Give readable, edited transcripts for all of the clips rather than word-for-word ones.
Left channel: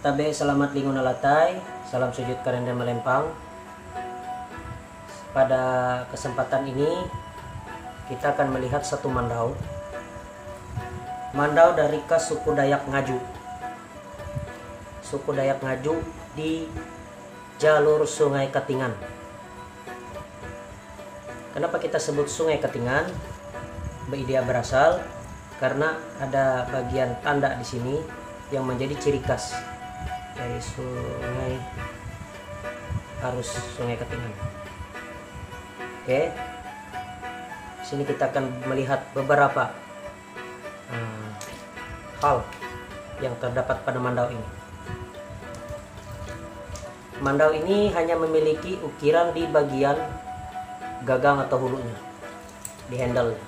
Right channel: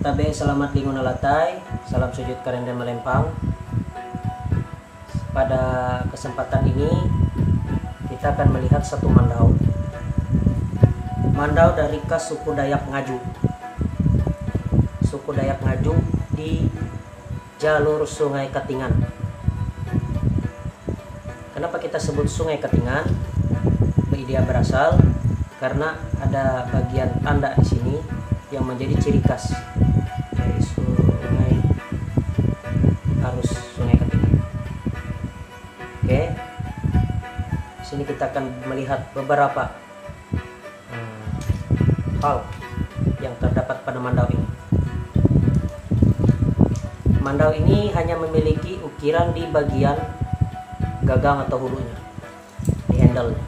Tabe selamat lingun alatai, salam sujud karenda melempang. Pada kesempatan ini kita akan melihat satu mandau. Mandau dari suku Dayak Ngaju. Suku Dayak Ngaju di jalur Sungai Katingan. Kenapa kita sebut Sungai Katingan? Dia berasal karena ada bagian tanda di sini yang menjadi ciri khas dari sungai, arus Sungai Katingan. Oke, di sini kita akan melihat beberapa hal yang terdapat pada mandau ini. Mandau ini hanya memiliki ukiran di bagian gagang atau hulunya, di handle-nya.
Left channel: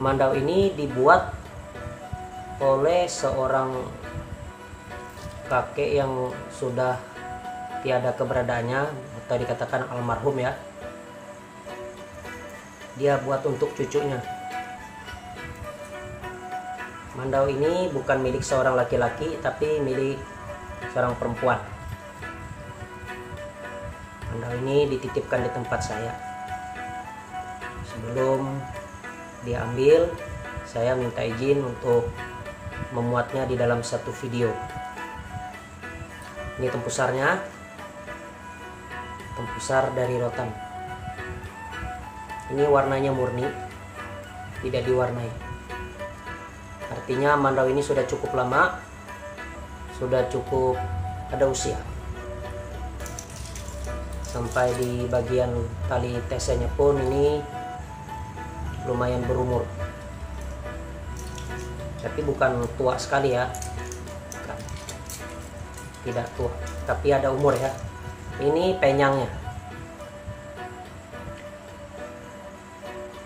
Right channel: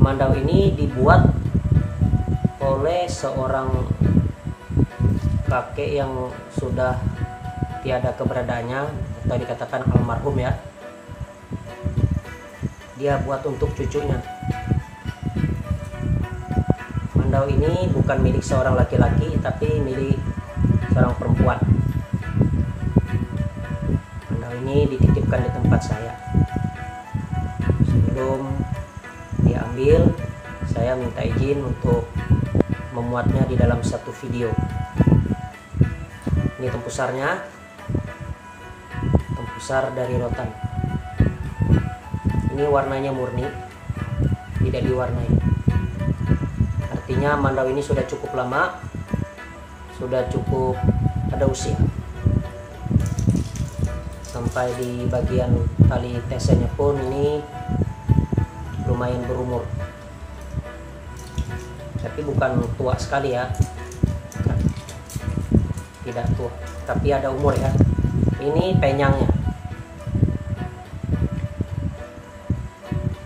Mandau ini dibuat oleh seorang kakek yang sudah tiada keberadaannya atau dikatakan almarhum ya. Dia buat untuk cucunya. Mandau ini bukan milik seorang laki-laki tapi milik seorang perempuan. Mandau ini dititipkan di tempat saya. Sebelum diambil, saya minta izin untuk memuatnya di dalam satu video. Ini tempusarnya, tempusar dari rotan. Ini warnanya murni, tidak diwarnai. Artinya mandau ini sudah cukup lama, sudah cukup ada usia. Sampai di bagian tali tesenya pun ini lumayan berumur, tapi bukan tua sekali ya, tidak tua, tapi ada umur ya. Ini penyangnya.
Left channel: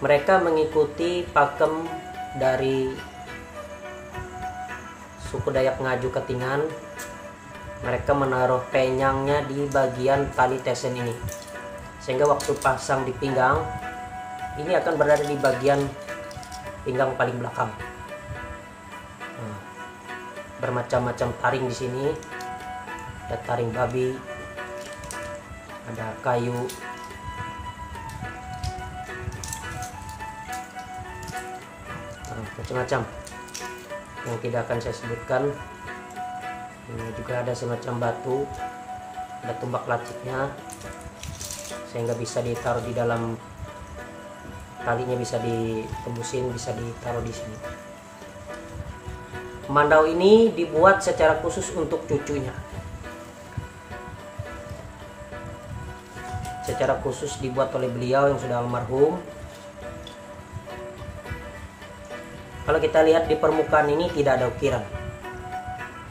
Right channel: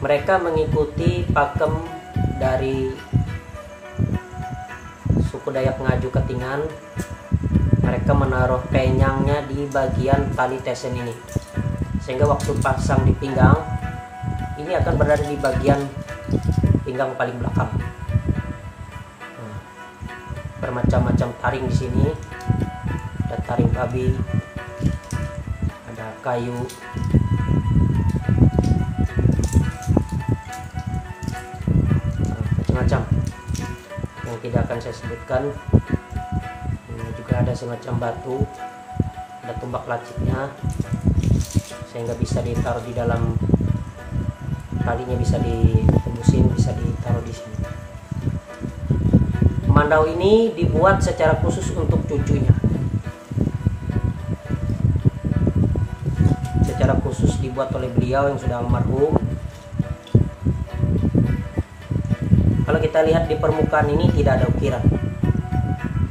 Mereka mengikuti pakem dari suku Dayak Ngaju Katingan. Mereka menaruh penyangnya di bagian tali tesen ini, sehingga waktu pasang di pinggang ini akan berada di bagian pinggang paling belakang. Bermacam-macam taring di sini. Ada taring babi, ada kayu, macam-macam yang tidak akan saya sebutkan. Ini juga ada semacam batu, ada tumbak laciknya, sehingga bisa ditaruh di dalam talinya, bisa ditembusin, bisa ditaruh di sini. Mandau ini dibuat secara khusus untuk cucunya. Secara khusus dibuat oleh beliau yang sudah almarhum. Kalau kita lihat di permukaan ini tidak ada ukiran.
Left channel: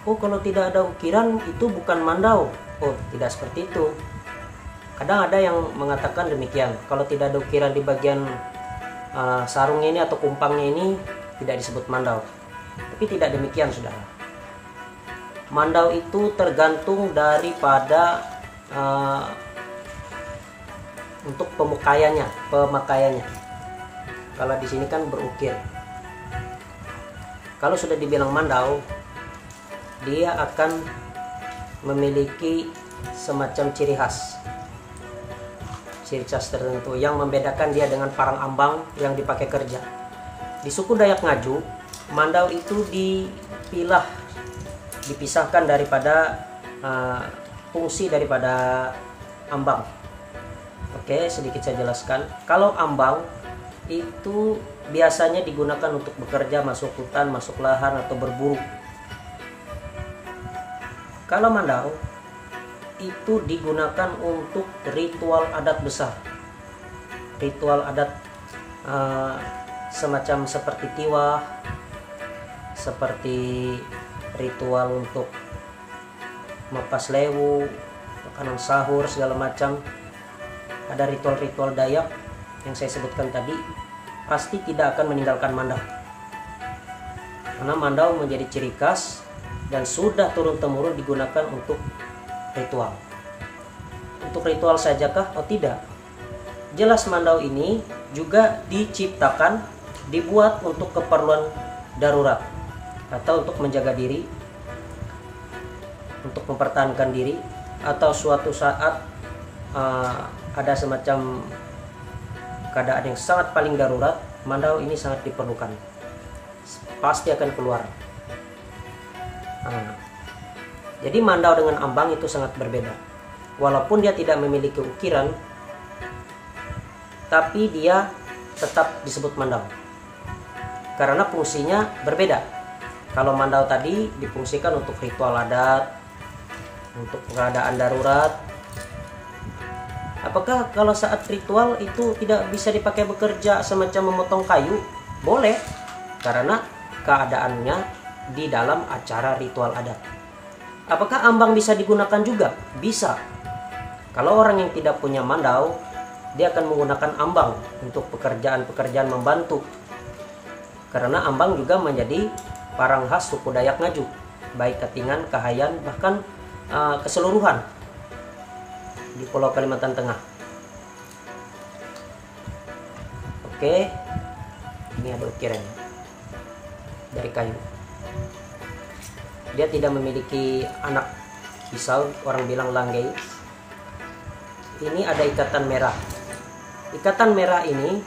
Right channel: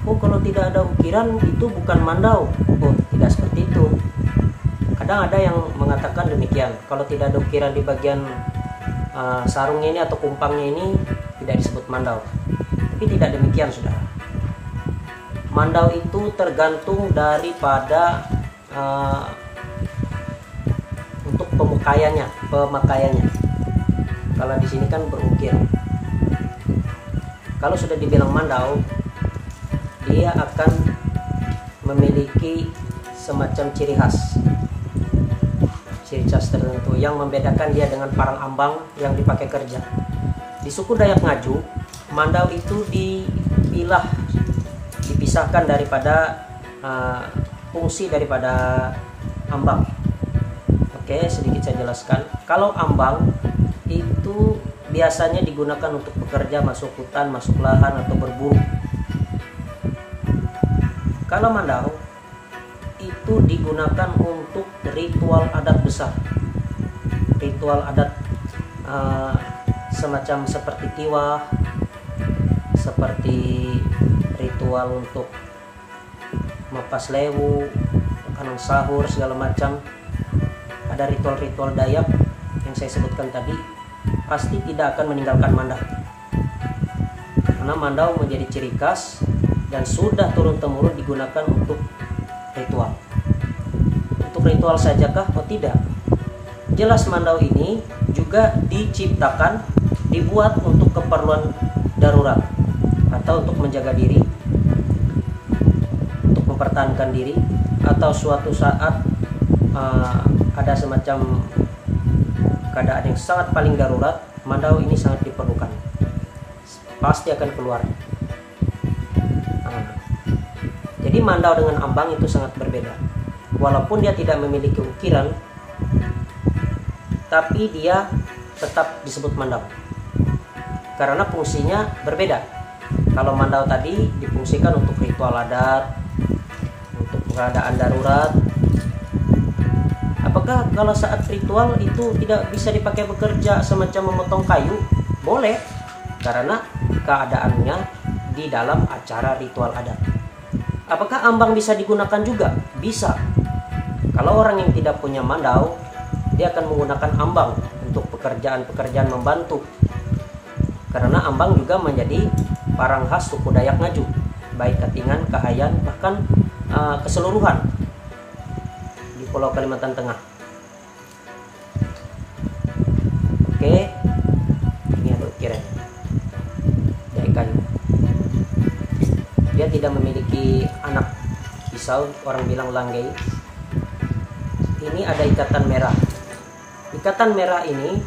Oh, kalau tidak ada ukiran itu bukan mandau. Oh, tidak seperti itu. Kadang ada yang mengatakan demikian. Kalau tidak ada ukiran di bagian sarungnya ini atau kumpangnya ini tidak disebut mandau. Tapi tidak demikian, saudara. Mandau itu tergantung daripada untuk pemakaiannya. Kalau di sini kan berukir. Kalau sudah dibilang mandau, dia akan memiliki semacam ciri khas tertentu yang membedakan dia dengan parang ambang yang dipakai kerja. Di suku Dayak Ngaju, mandau itu dipisahkan daripada fungsi daripada ambang. Oke, sedikit saya jelaskan. Kalau ambang itu biasanya digunakan untuk bekerja, masuk hutan, masuk lahan, atau berburu. Kalau mandau itu digunakan untuk ritual adat besar, ritual adat semacam seperti tiwah, seperti ritual untuk mapas lewu, makanan sahur, segala macam. Ada ritual-ritual Dayak yang saya sebutkan tadi, pasti tidak akan meninggalkan mandau, karena mandau menjadi ciri khas dan sudah turun-temurun digunakan untuk ritual. Untuk untuk ritual sajakah? Oh tidak. Jelas mandau ini juga diciptakan, dibuat untuk keperluan darurat atau untuk menjaga diri, untuk mempertahankan diri, atau suatu saat ada semacam keadaan yang sangat paling darurat, mandau ini sangat diperlukan. Pasti akan keluar. Jadi mandau dengan ambang itu sangat berbeda. Walaupun dia tidak memiliki ukiran, tapi dia tetap disebut mandau. Karena fungsinya berbeda. Kalau mandau tadi difungsikan untuk ritual adat, untuk keadaan darurat. Apakah kalau saat ritual itu tidak bisa dipakai bekerja semacam memotong kayu? Boleh, karena keadaannya di dalam acara ritual adat. Apakah ambang bisa digunakan juga? Bisa. Kalau orang yang tidak punya mandau, dia akan menggunakan ambang untuk pekerjaan-pekerjaan membantu. Karena ambang juga menjadi barang khas suku Dayak Ngaju, baik Katingan, Kahayan, bahkan keseluruhan di Pulau Kalimantan Tengah. Oke, ini ada ukiran dari kayu. Dia tidak memiliki anak pisau, orang bilang langgei. Ini ada ikatan merah. Ikatan merah ini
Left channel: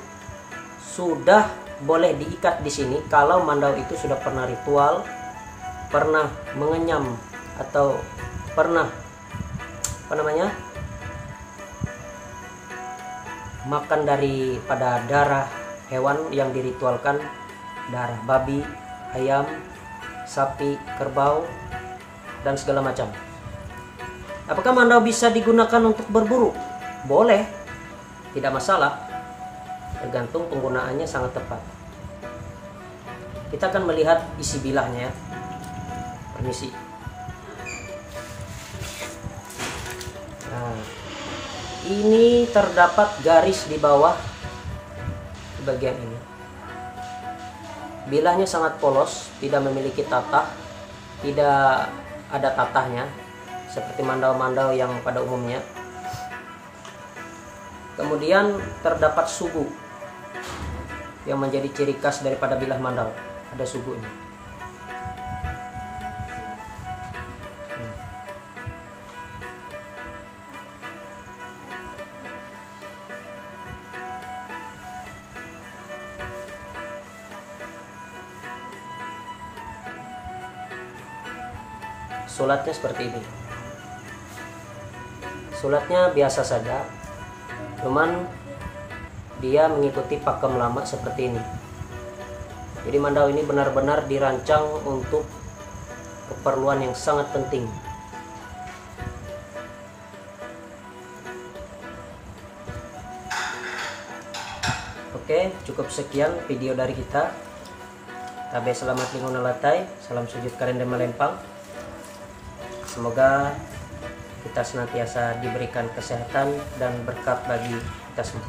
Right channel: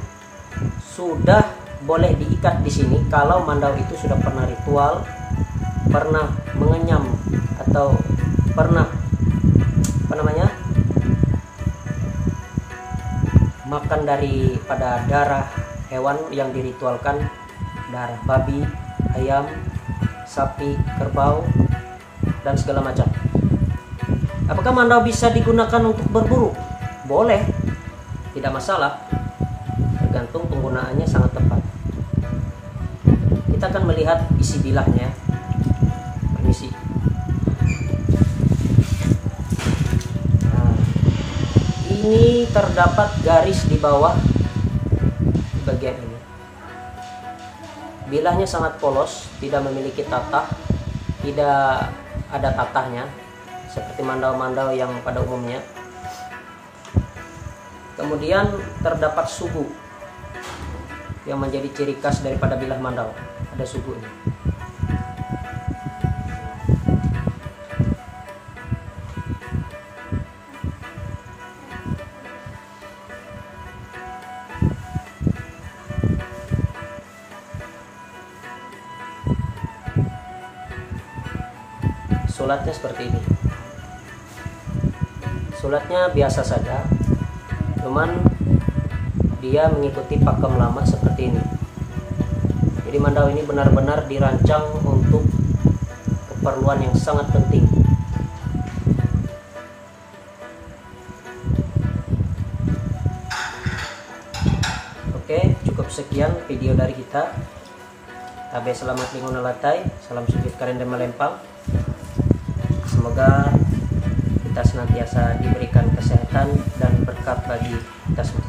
sudah boleh diikat di sini kalau mandau itu sudah pernah ritual, pernah mengenyam atau pernah makan daripada darah hewan yang diritualkan, darah babi, ayam, sapi, kerbau, dan segala macam. Apakah mandau bisa digunakan untuk berburu? Boleh, tidak masalah, tergantung penggunaannya sangat tepat. Kita akan melihat isi bilahnya ya. Permisi. Nah, ini terdapat garis di bawah bagian ini. Bilahnya sangat polos, tidak memiliki tatah, tidak ada tatahnya seperti mandau-mandau yang pada umumnya. Kemudian terdapat sugu yang menjadi ciri khas daripada bilah mandau. Ada sugu ini. Sulatnya seperti ini. Sulatnya biasa saja, cuman dia mengikuti pakem lama seperti ini. Jadi mandau ini benar-benar dirancang untuk keperluan yang sangat penting. Oke, cukup sekian video dari kita. Tabe selamat lingkungan latai, salam sujud karen dan melempang. Semoga kita senantiasa diberikan kesehatan dan berkat bagi kita semua.